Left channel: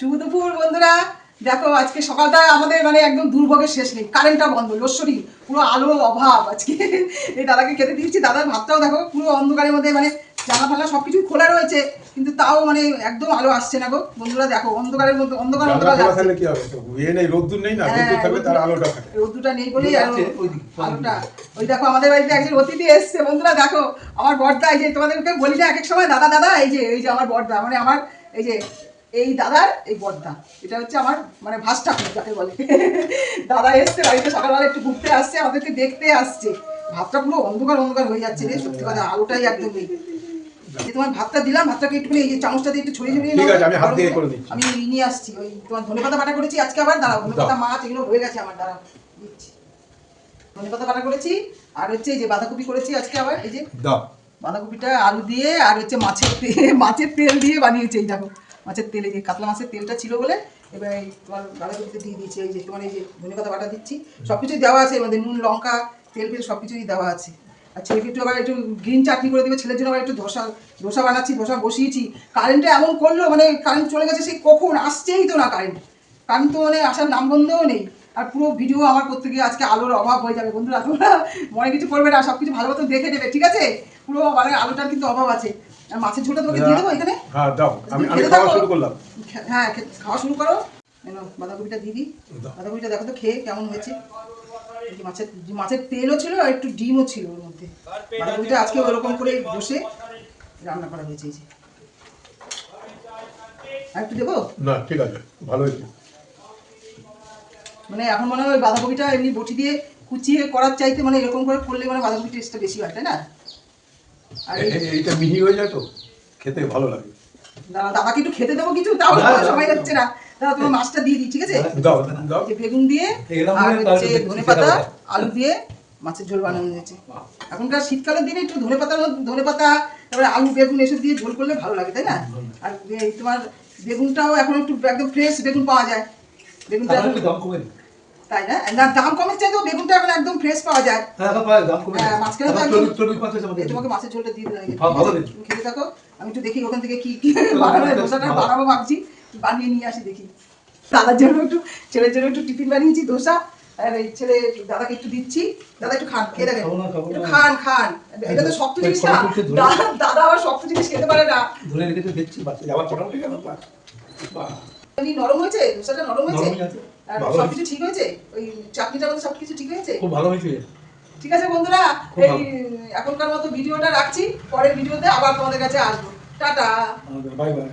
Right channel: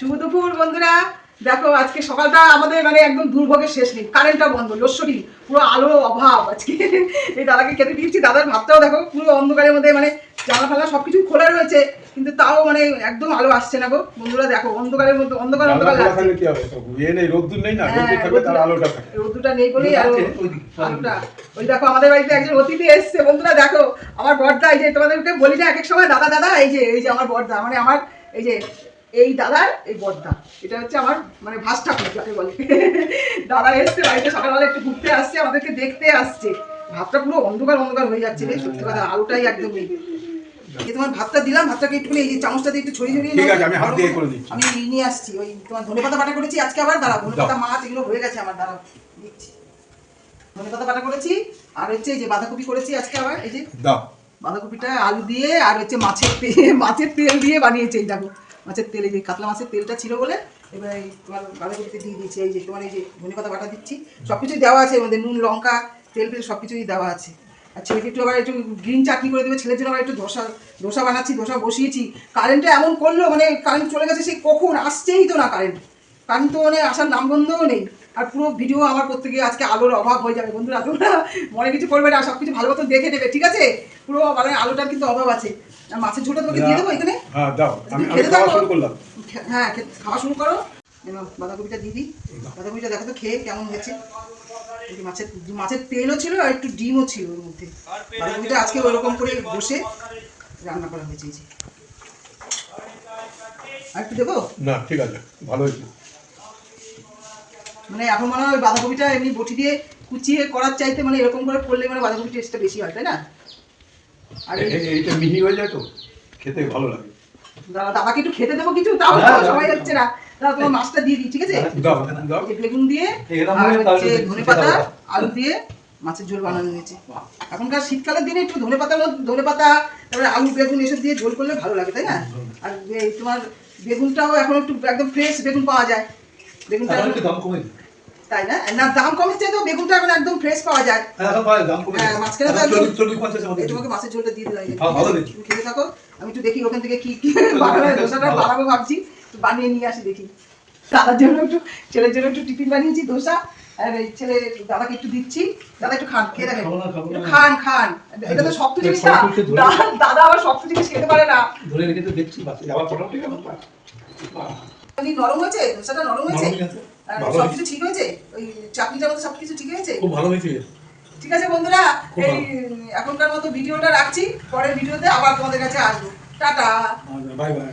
শুভ দুপুর বন্ধুরা। দেখো আজকে সকালটা আমাদের মানে একদম দুর্ভোগের শেষ নেই, কারেন্টটা বন্ধ, লোডশেডিং, পুরো আলোর অভাব আজকে। এই দাদাকে খেতে দিয়েছি, দাদার ভাতটাও দেখো পুরো অন্ধকারের মধ্যে, মানে জানলা ফালা সবকিছু খোলা রয়েছে কিন্তু তাও মানে একদম আলো আসছে না গো বন্ধুরা। দেখো অন্ধকারের মধ্যে অন্ধকার অন্ধকার লাগছে। কি হবে, ইয়ে নেই, রোদ্দুর নেই না, রোদ্দুর থাকলে তার আলোটা থাকে, রোদ্দুরটা নেই বলেই আর আলোটা। ওই দেখো আমাদের বাড়িতে একজন অতিথি এসছে বন্ধুরা, দেখো আমার বড়দা। এই যে তোমাদেরকে বলি না এক এক সময় দাদা দাদা, এই যে আমার বড়দা, মানে আমার এই যে এই দাদার এই বড়দা, এটা হচ্ছে আমার মানে ভাস ঠাকুর যাকে বলে। দাদা এসছে বাড়িতে, সকালবেলা একটু ঘুরতে আসছে, আমাদেরকে দেখতে আসছে। ভাতটা পুরো অন্ধকার অন্ধকার হয়ে যাচ্ছে রে, সত্যি কথা আলোটাই একদম নেই। এই তোমার ভাতটা দিলাম, ভাতটাকে একটুখানি এই চামচটা দিয়ে একটু ছড়িয়ে ছড়িয়ে ঠিক আছে, আমি হাত দিয়ে করে দিচ্ছি। আমি নিয়ে আসছি। ওই তোমার ধনেপাতা বাটা করেছি আজকে, আবার দাঁড়াও, ধনেপাতা মাছ এগুলো হয়ে গেছে আমার, দাঁড়াও দিচ্ছি। ধনেপাতা বাটা করেছি, আর হচ্ছে এই যে বাঁধাকপি করেছি আজকে আবার, এই যে বাঁধাকপিটা আলু দিয়ে আর হচ্ছে মাছের তেল দিয়ে বানিয়েছি। এই দেখো মাছের তেল, এই যে কাতলা মাছের তেলটা ছিল বলে এবার তোমার বাঁধাকপিতে দিয়ে দিয়েছি। এই যে তোমার এই যে ধনেপাতা বাটা দিচ্ছি, সব কিছুই দেওয়া আছে এর মধ্যে, নুন লঙ্কা তেল ফেল সব কিছুই দেওয়া আছে। আর ছেলেকে একটু আবার একটু গ্রিন চাটনি করে দেবে, ছেলের জন্য আবার একটু ধোসা বানাচ্ছি, ধোসা বসিয়েছি। কারেন্টটা এমন করলো, মানে কারেন্ট চলে গেছে, সেই কখন আসছেই তো না কারেন্ট তো মানে আসার নামগন্ধও নেই। আর পুরো ভিডিও আমার করতে গিয়ে আজকে আলোর অভাব হয়ে যাবে বন্ধুরা, তোমরা মনে কিছু করবে না, সব কিছু ভালো মতো দেখে নেবে, ঠিক আছে? পুরো মানে আলোটার কিন্তু অভাব আছে। আর মাছের ঝোলটা তোমাকে দিয়ে দেবো এখানে। হ্যাঁ দাও, আমি খাওয়া শুরু করলাম। হ্যাঁ খাওয়া শুরু করো। বাঁধাকপিটা দিয়ে দিই। বাঁধাকপিটা দেখো তো খেয়ে কেমন হয়েছে। মাছের তেলও ছিল আর একটু ডিমও ছিল ওর মধ্যে। বাঁধাকপিটা আজকে ওরকম করে বসে রান্না করা হয়েছে। এই যে আর একটু দেবো না, ঠিক আছে, ভালো হয়েছে। মানে এখন মনে হয় বাঁধাকপিটা এমনি বটি দিয়ে কুচিয়ে করার চাইতে মানে এরকম করে করলে মানে বাঁধাকপির টেস্টটা বেশি হয়, তাই না? আর এইটা মিহি হয়ে যায় তো খেতে ভালো লাগে। দাদাকে একটু খেতে দেবো কিছু, তাও সময় যাচ্ছে না। দাদা তোমার মাছটা দিয়ে দিই, ঠিক আছে? দাও বেগুন দিয়ে আর হচ্ছে ধনেপাতা আলু দিয়ে মাছের ঝোল বানানো হয়েছে। এখনকার শীতকালের দিনে একটু ধনেপাতা তারপরে আলু বেগুন এসব দিয়ে ঝোল করলে ভালো লাগে, তাই না? আর তোমার বেগুনটাও এখন একটু একদম ফ্রেশ বেগুন পাওয়া যায়। বেগুনটা তাই না? না দাম কমের চাই তো বেগুনটা এখন একদম ফ্রেশ পাওয়া যায়। হ্যাঁ মাঝখানে তো একদম। তোমাকে মাছের ঝোলটা দিয়ে দিলাম, তুমি খেতে থাকো, আমি একটু দেখি ওখান থেকে কি বানাবো, ধোসাটা বানাবো ভাবছি, বানিয়ে নিয়ে আসি দেখি। দাদার জন্য একটু, ছেলের জন্য একটু টিফিন বানিয়েছি ধোসা, আর এই ছেলে দাদাকে একটু দিচ্ছি। দাদা একটু খান, খেয়ে দেখেন, খান। এটা তো শক্ত জিনিস না, দাদা আবার শক্ত জিনিস খেতে পারে না। নরম হয়েছে ধোসাটা, নরম হয়েছে, সবকিছু ঠিক হয়েছে, ওই চাটনিটার মধ্যে সবকিছু ঠিক হয়েছে, খুব ভালো হয়েছে। ঠিক আছে বন্ধুরা, এই এখনকার মতো ভিডিওটা রাখছি, পরের ভিডিওতে আবার তোমাদের কাছে আসবো। Tata, bye bye.